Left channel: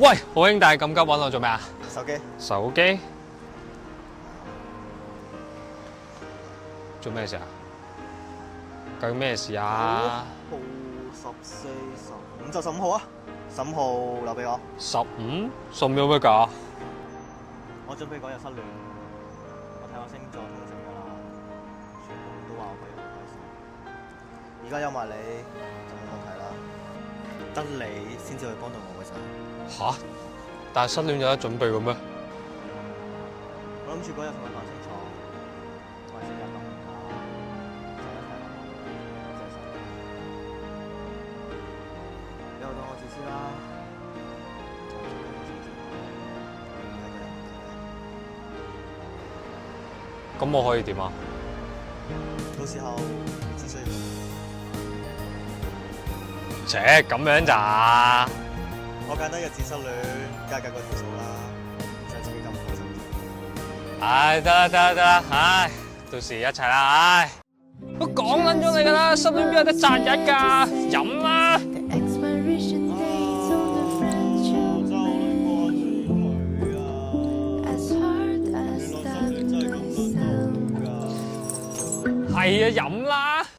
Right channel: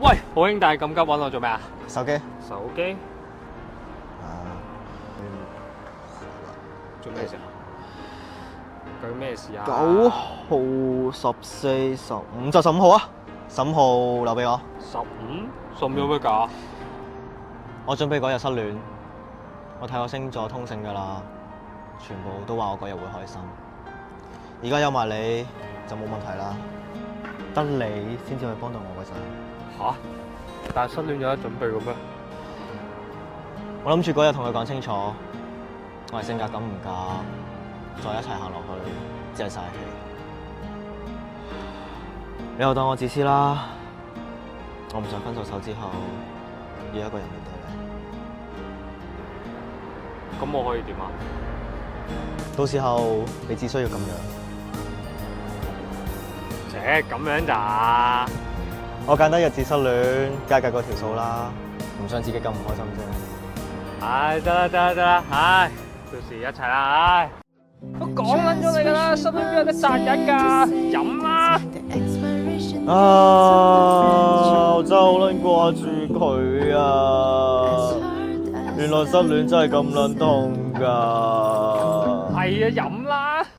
喂，好兄弟，咁急揾我做咩啊？手機。手機？做咩事啊？究竟咩事啊9號、14、15就15號啊！15號留俾我。15？送咗乜㗎？我準備嗰日失戀，我睇過星座通勝㗎啦，全部都話我嗰日會開心。而家有埋你就冇問題啦，得你先至可以幫到我㗎咋。吓？但係失戀有得準備嘅咩？我諗住嗰日同佢講清楚，我係性格咁唔夾，再一齊行落去真係嘥氣。你又當我自私啦，我唔想分咗手之後要一個人面對你。咁我可以點啊？到時候你只需要咁樣。咁樣咋？我簡單日子失戀，梗係計嗰條數啦，唔想自己咁唔開心啫。唉，得啦，唉，到時一齊啦，唉。我講緊咗你㗎啦，失戀邊有得賺緊㗎？飲啦！我真係好撚掛住佢啊！原來失戀真係咁撚痛㗎。係啊，飲